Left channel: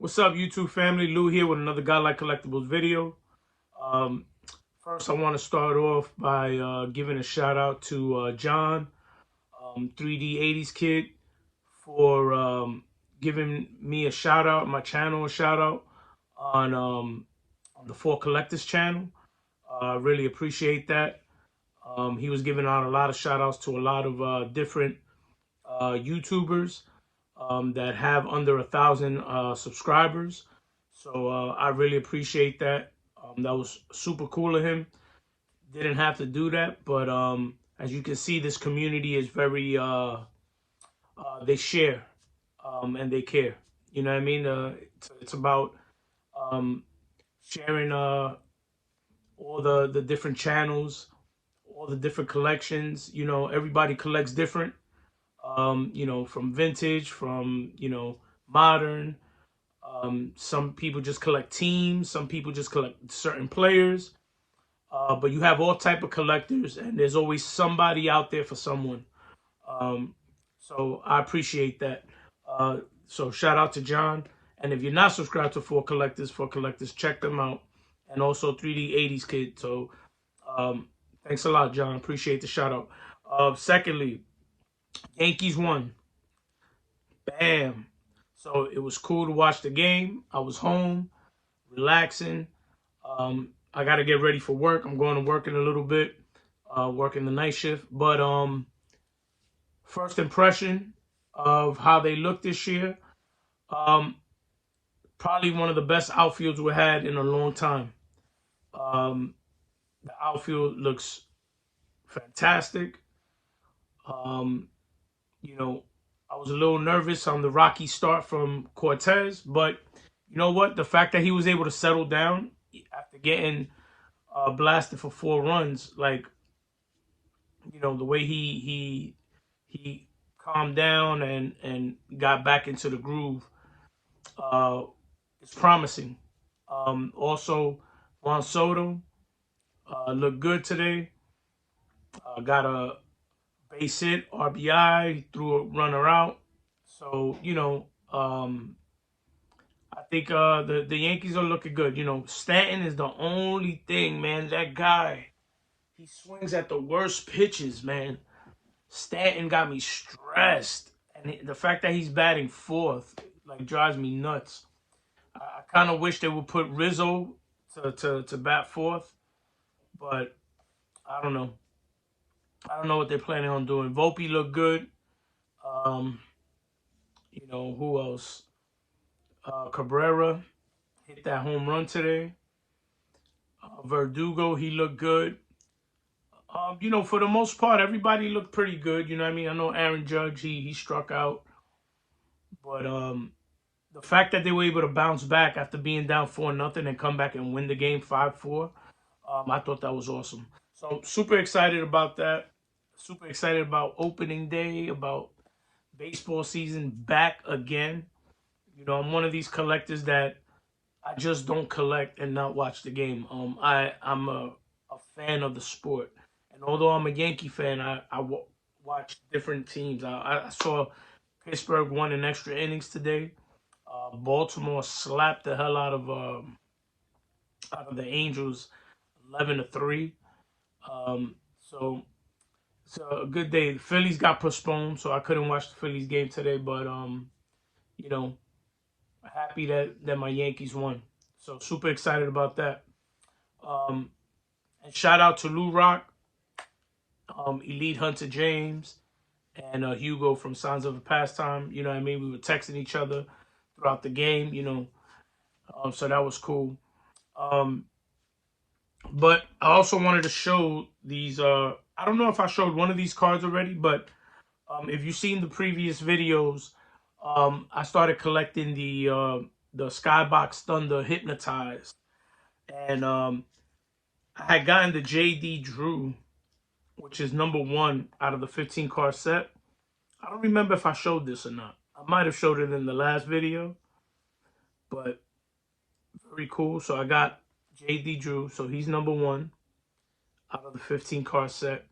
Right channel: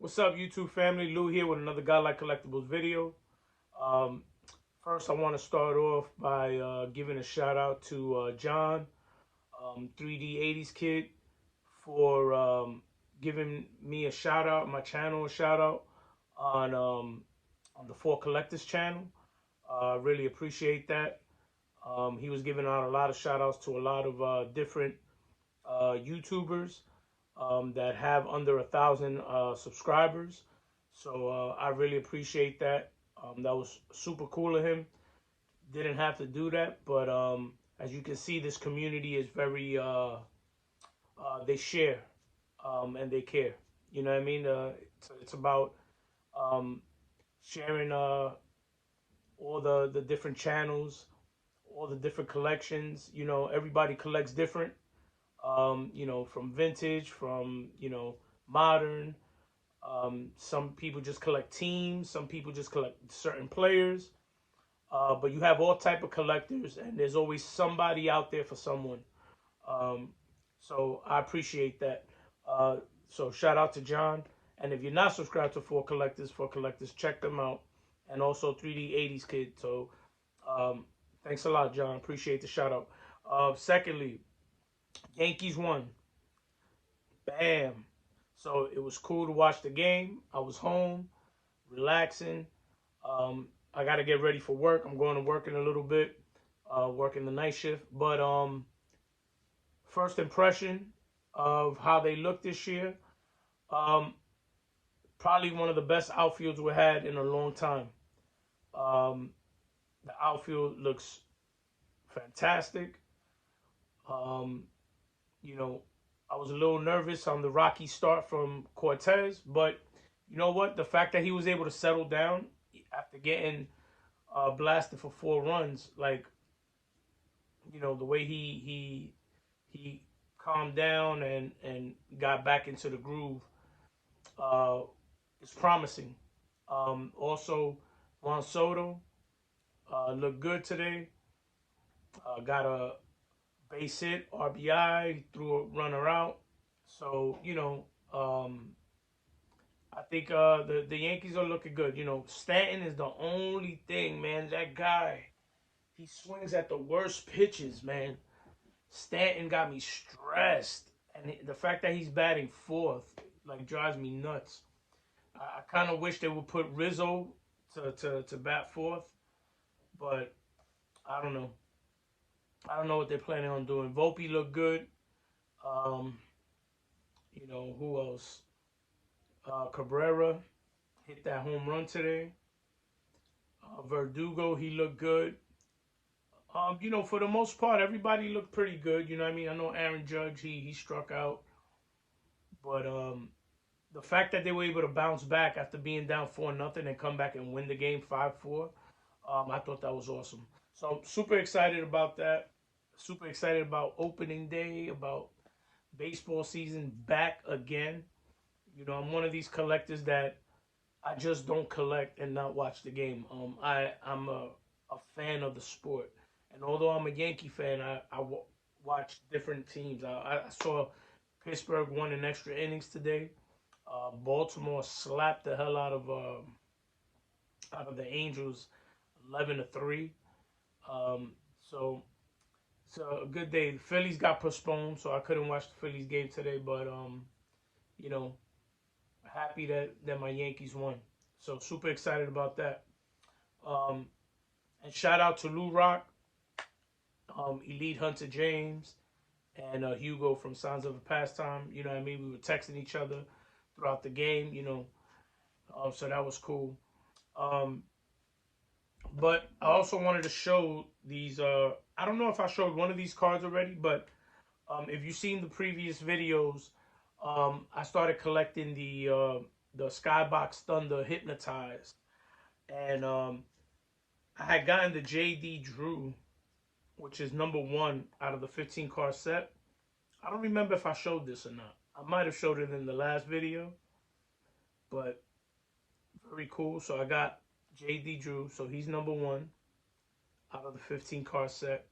What's up, YouTube family? Lou here with another Godlike Collectibles video. Um, First, I want to start off by giving a shout out to John, 3D 80s Kid, for giving me a shout out, my channel a shout out on the For Collectors channel. Really appreciate that. He was giving out a lot of shout outs to a lot of different YouTubers that have under 1,000 subscribers. So I really appreciate that. That was super cool of him. Didn't have to do that, but as you can see, this community is very they share and they care. You know what I mean? It's about um, sharing all the different channels, all the different collections. You know, everybody collects different. From vintage, from modern. Some people just collect teams. Some people just collect certain players. But you have all type of collectors, and there's always somebody out there for someone. Um, so I appreciate that. So shout out to John. And if you're not subscribed to For Collectors, check them out. And also 3D 80s Kid. So thanks a lot, John. Appreciate the shout out. Secondly, Yankees won. Bam. So it was cool to watch the game. I was home, relaxing. I got to get ready for work. I'm going to work in a little bit, working the night shift. But first impression of how they look this year, um, probably one of the best outfields we had in a long time. Um, the outfield looks fantastic. Um, you know, I was a little nervous on the rocky start from Cortez, but you know what? The fact that he was able to settle down after getting blasted for 4 runs, like the way he calmed down and got back into the groove, uh, is promising. Also, Juan Soto looked good today. Got a base hit, RBI, threw a runner out. So I think the Yankees are looking good. Stanton is the only thing, man. That guy, he swings at the worst pitches, man. Stanton got me stressed, and the fact that he's batting fourth like drives me nuts. I kind of wish they would put Rizzo to bat fourth, but I don't know. I don't know what they're planning on doing. Volpe looked good. Um, who else? Cabrera hit that home run today. Verdugo, he looked good. For the most part, everybody looked pretty good. You know what I mean? I know Aaron Judge, he struck out. But the fact that they were able to bounce back after being down 4-0 and come back and win the game 5-4, I thought that was awesome. So super excited about that. Super excited about opening day, about baseball season back again. I'm one of these collectors that I just don't collect and not watch the game. I'm a fan of the sport, and although I'm a Yankee fan, I watch different teams. I saw Pittsburgh won in extra innings today. Baltimore slapped the hell out of the Angels, 11-3. So it's a good day. The Phillies got postponed, so I couldn't watch the Phillies game today. But you know, happy that my Yankees won. So super excited about that. Um, and shout out to Lou Rock, Elite Hunter James, and Hugo from Signs of a Pastime. You know what I mean? We were texting each other throughout the game. So that was cool. Um, but I also wanted to show these. I don't know if I showed one of these cards already, but if you've seen the previous videos, I started collecting the Skybox Thunder Hypnotized, and I had gotten the JD Drew, which is #1 out of the 15 card set. I don't remember if I showed this or not. I might have showed it in the last video, but very cool. So I got JD Drew, so he's #1 out of the 15 card set.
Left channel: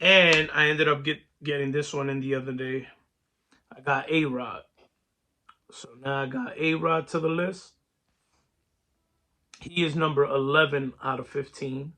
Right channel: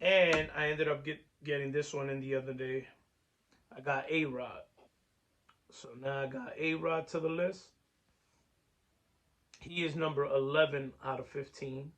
And I ended up getting this one in the other day. I got A-Rod. So now I got A-Rod to the list. He is number 11 out of 15.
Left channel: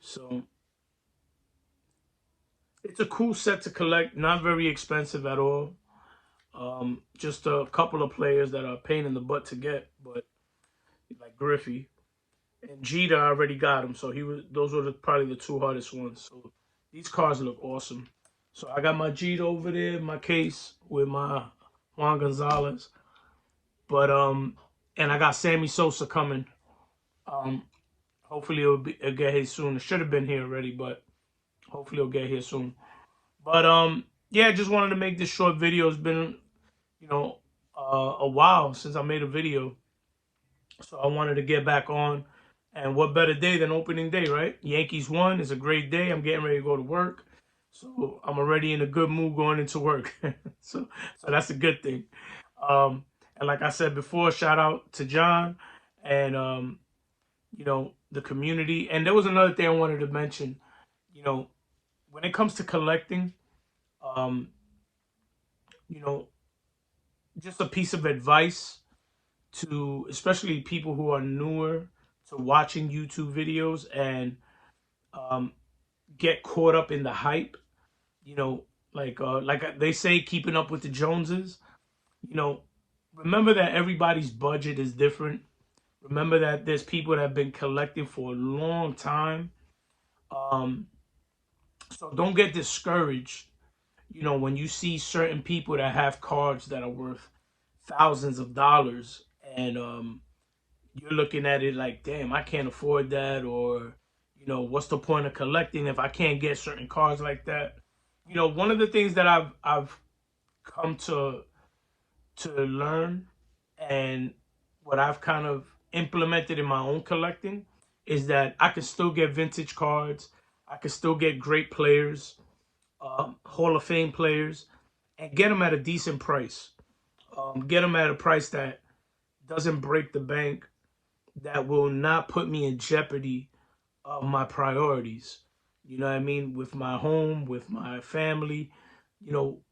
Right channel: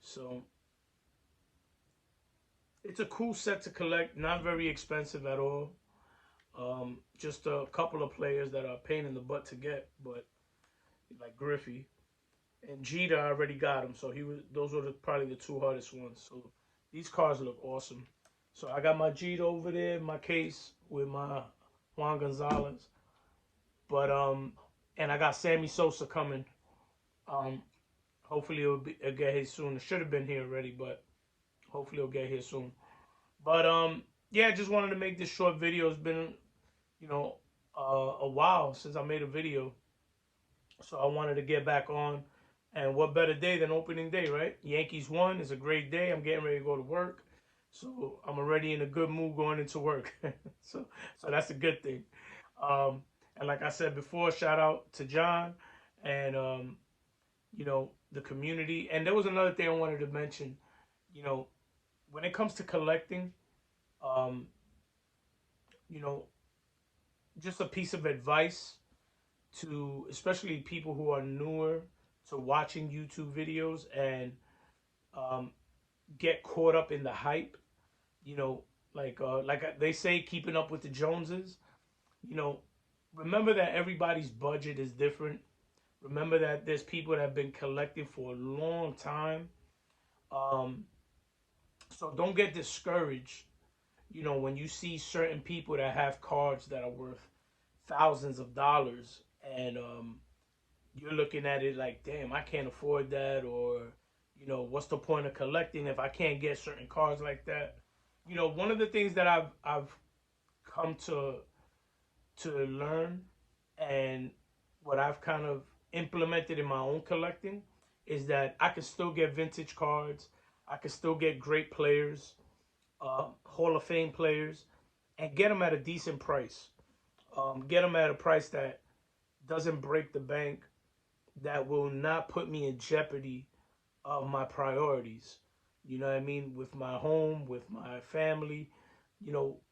So it's a cool set to collect. Not very expensive at all. Just a couple of players that are a pain in the butt to get, but like Griffey and Jeter, I already got him. So those were probably the two hardest ones. So these cards look awesome. So I got my Jeter over there in my case with my Juan Gonzalez. But and I got Sammy Sosa coming. Um, hopefully it'll get here soon. It should have been here already, but hopefully it'll get here soon. But yeah, just wanted to make this short video. It's been, you know, a while since I made a video, so I wanted to get back on. And what better day than opening day, right? Yankees won. It's a great day. I'm getting ready to go to work, so I'm already in a good mood going into work. so that's a good thing. And like I said before, shout out to John and the community. And there was another thing I wanted to mention. You know, when it comes to collecting, um, you know, just a piece of advice to especially people who are newer to watching YouTube videos and um, get caught up in the hype. You know, like they say, keeping up with the Joneses. You know, remember that everybody's budget is different. Remember that there's people that have been collecting for a long time. Um, so don't get discouraged, when you see certain people that have cards that are worth thousands of dollars and you're looking at it like, damn, I can't afford that, or, what's the point of collecting if I can't get certain cards like that? One of the things that I've come to learn and what I've kind of implemented in my own collecting is that I can still get vintage cards. I can still get great players, Hall of Fame players, and get them at a decent price. Get them at a price that doesn't break the bank, that will not put me in jeopardy of my priorities. You know what I mean? With my home, with my family.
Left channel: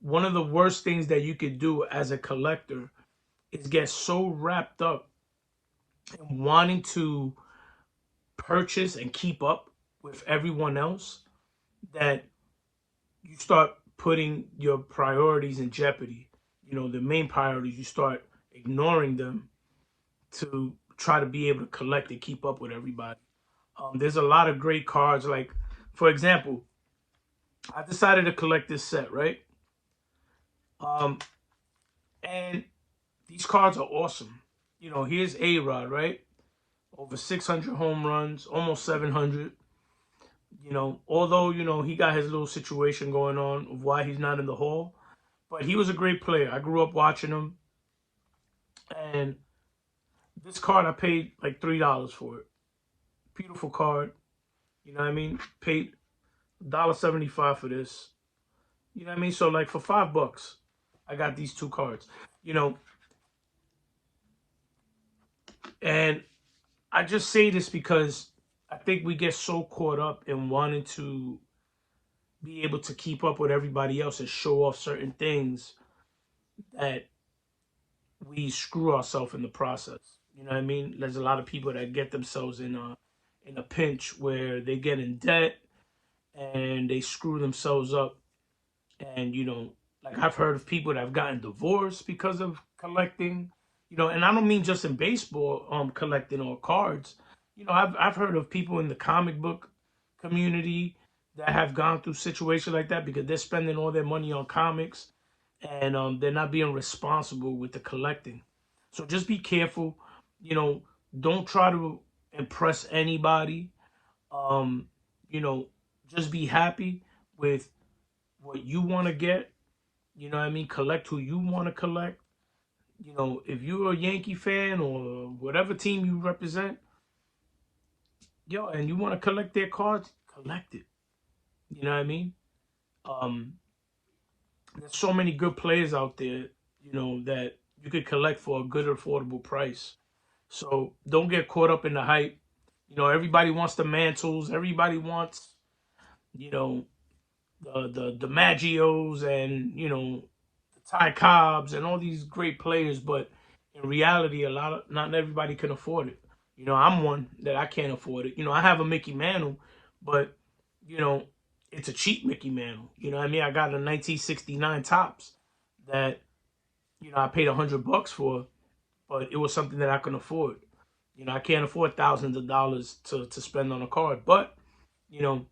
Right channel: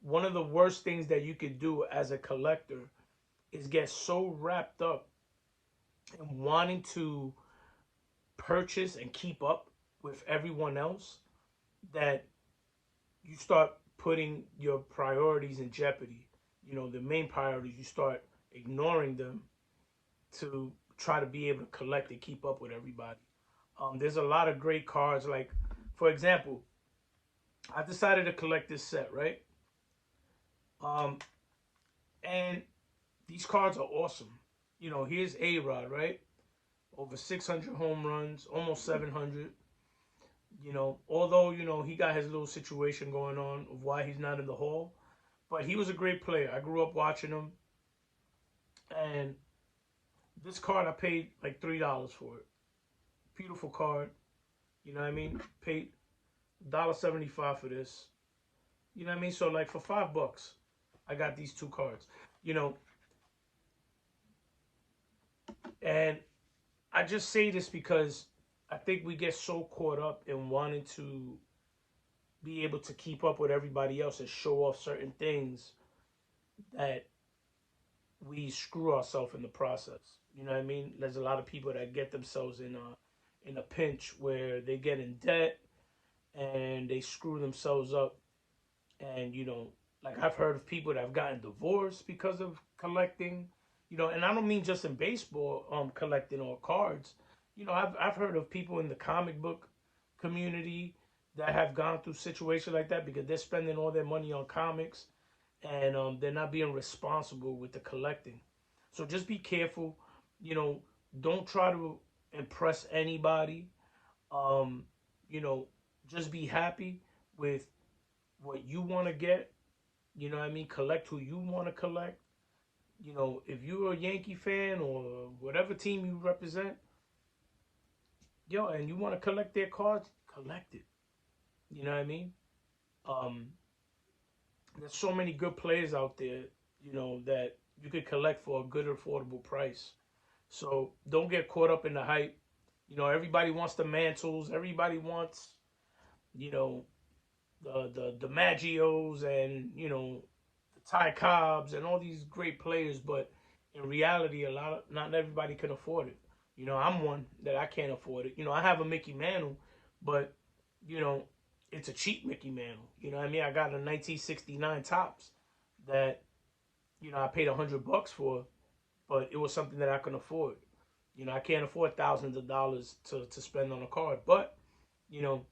One of the worst things that you could do as a collector is get so wrapped up in wanting to purchase and keep up with everyone else that you start putting your priorities in jeopardy. The main priorities, you start ignoring them to try to be able to collect and keep up with everybody. There's a lot of great cards. Like, for example, I decided to collect this set, right? Um, and these cards are awesome. Here's A-Rod, right? Over 600 home runs, almost 700. Although, he got his little situation going on of why he's not in the Hall. But he was a great player. I grew up watching him. And this card, I paid like $3 for it. Beautiful card. You know what I mean? Paid $1.75 for this. You know what I mean? So like for $5, I got these two cards. And I just say this because I think we get so caught up in wanting to be able to keep up with everybody else and show off certain things that we screw ourselves in the process. You know what I mean? There's a lot of people that get themselves in a pinch where they get in debt and they screw themselves up. And like I've heard of people that have gotten divorced because of collecting. And I don't mean just in baseball, collecting or cards. I've heard of people in the comic book community that have gone through situations like that because they're spending all their money on comics and they're not being responsible with the collecting. So just be careful. Don't try to impress anybody. Um, just be happy with what you want to get. You know what I mean? Collect who you want to collect. If you're a Yankee fan or whatever team you represent, and you want to collect their cards, collect it. You know what I mean? Um, there's so many good players out there, that you could collect for a good, affordable price. So don't get caught up in the hype. Everybody wants the mantles. Everybody wants, the Maggios and, the Ty Cobbs and all these great players, but in reality, not everybody can afford it. You know, I'm one that I can't afford it. You know, I have a Mickey Mantle, but you know, it's a cheap Mickey Mantle. You know what I mean? I got a 1969 Topps that I paid $100 for, but it was something that I can afford. You know, I can't afford thousands of dollars to spend on a card, but you know,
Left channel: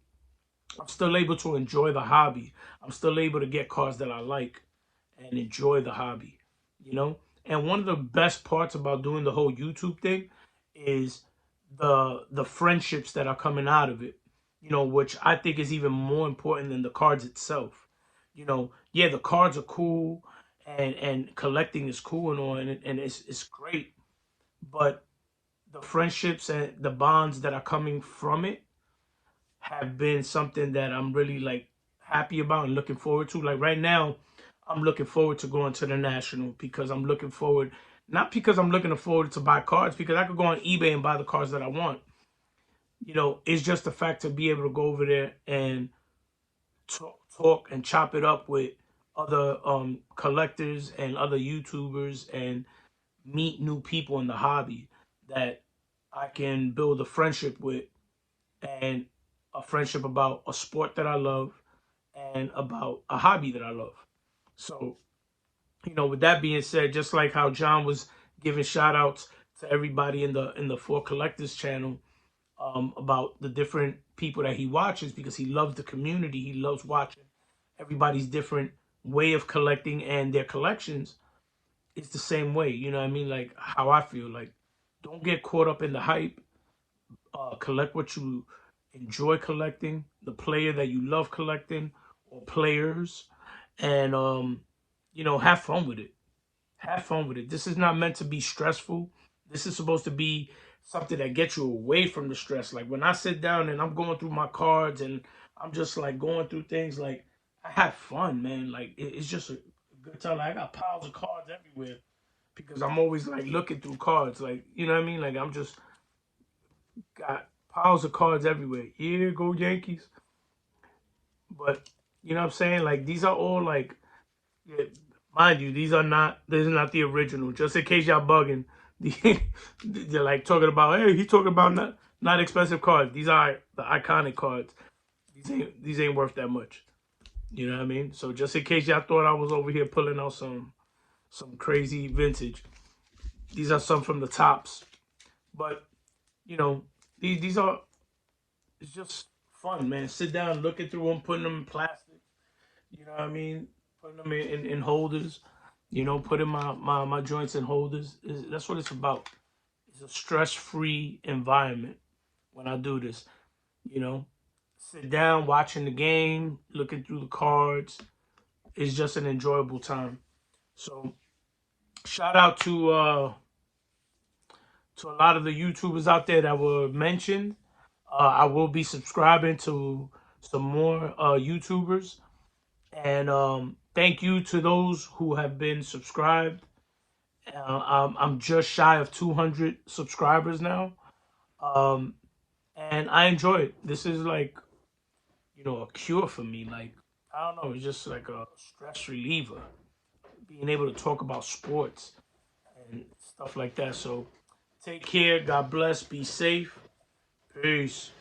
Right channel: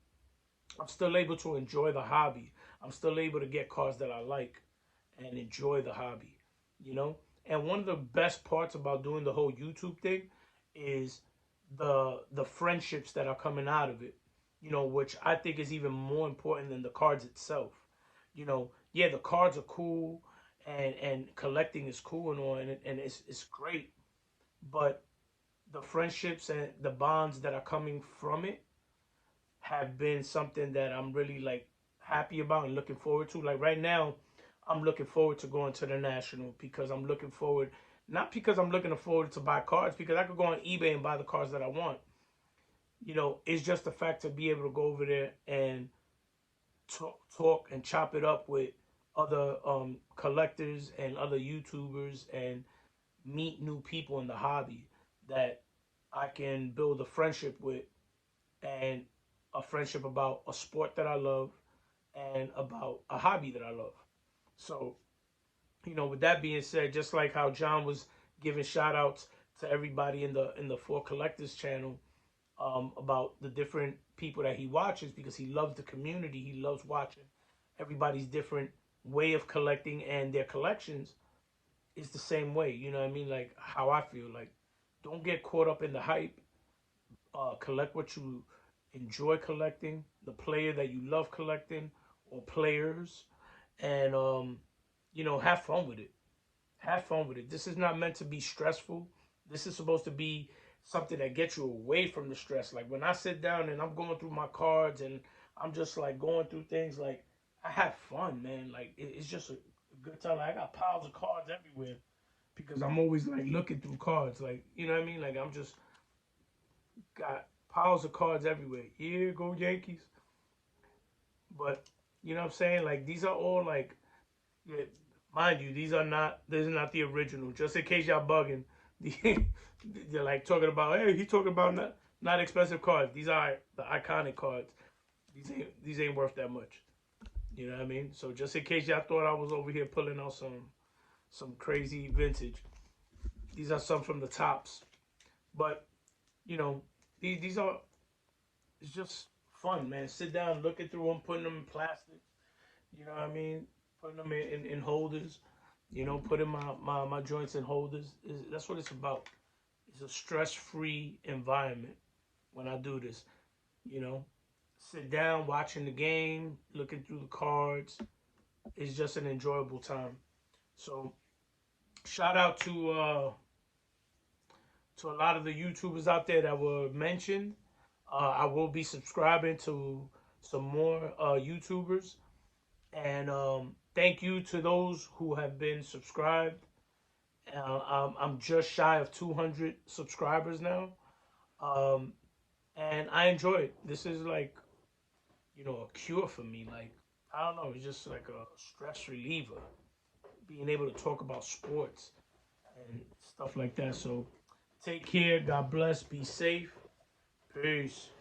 I'm still able to enjoy the hobby. I'm still able to get cards that I like and enjoy the hobby, you know? And one of the best parts about doing the whole YouTube thing is the friendships that are coming out of it, which I think is even more important than the cards itself. You know, yeah, the cards are cool and collecting is cool and all, and it's great, but the friendships and the bonds that are coming from it have been something that I'm really like happy about and looking forward to. Like right now, I'm looking forward to going to the National because I'm looking forward, not because I'm looking forward to buy cards, because I could go on eBay and buy the cards that I want. You know, it's just the fact to be able to go over there and talk and chop it up with other collectors and other YouTubers and meet new people in the hobby that I can build a friendship with, and a friendship about a sport that I love and about a hobby that I love. So, with that being said, just like how John was giving shout outs to everybody in the For Collectors channel, about the different people that he watches because he loves the community. He loves watching everybody's different way of collecting and their collections. It's the same way, you know what I mean? Like how I feel. Like, don't get caught up in the hype. Collect what you enjoy collecting, the player that you love collecting, or players, and have fun with it. Have fun with it. This is not meant to be stressful. This is supposed to be something that gets you away from the stress. Like when I sit down and I'm going through my cards and I'm just like going through things, like I have fun, man. Like it's just a good time. Like I got piles of cards everywhere because I'm always like looking through cards. Like, you know what I mean? Like I'm just got piles of cards everywhere. Yeah, go Yankees. But you know what I'm saying? Like these are all like, yeah, mind you, these are not. This is not the original. Just in case y'all bugging, they're like talking about. Hey, he talking about not expensive cards. These are the iconic cards. These ain't worth that much. You know what I mean? So just in case y'all thought I was over here pulling out some crazy vintage, these are some from the tops. But you know, these are, it's just fun, man. Sit down, looking through them, putting them in plastic. You know what I mean? Putting them in holders. Putting my joints in holders. That's what it's about. It's a stress-free environment when I do this. You know, sit down, watching the game, looking through the cards. It's just an enjoyable time. So, shout out to a lot of the YouTubers out there that were mentioned. I will be subscribing to some more YouTubers. And thank you to those who have been subscribed. I'm just shy of 200 subscribers now. Um, and I enjoy it. This is like, a cure for me. Like, I don't know, it's just like a stress reliever. Being able to talk about sports and stuff like that. So take care. God bless. Be safe. Peace.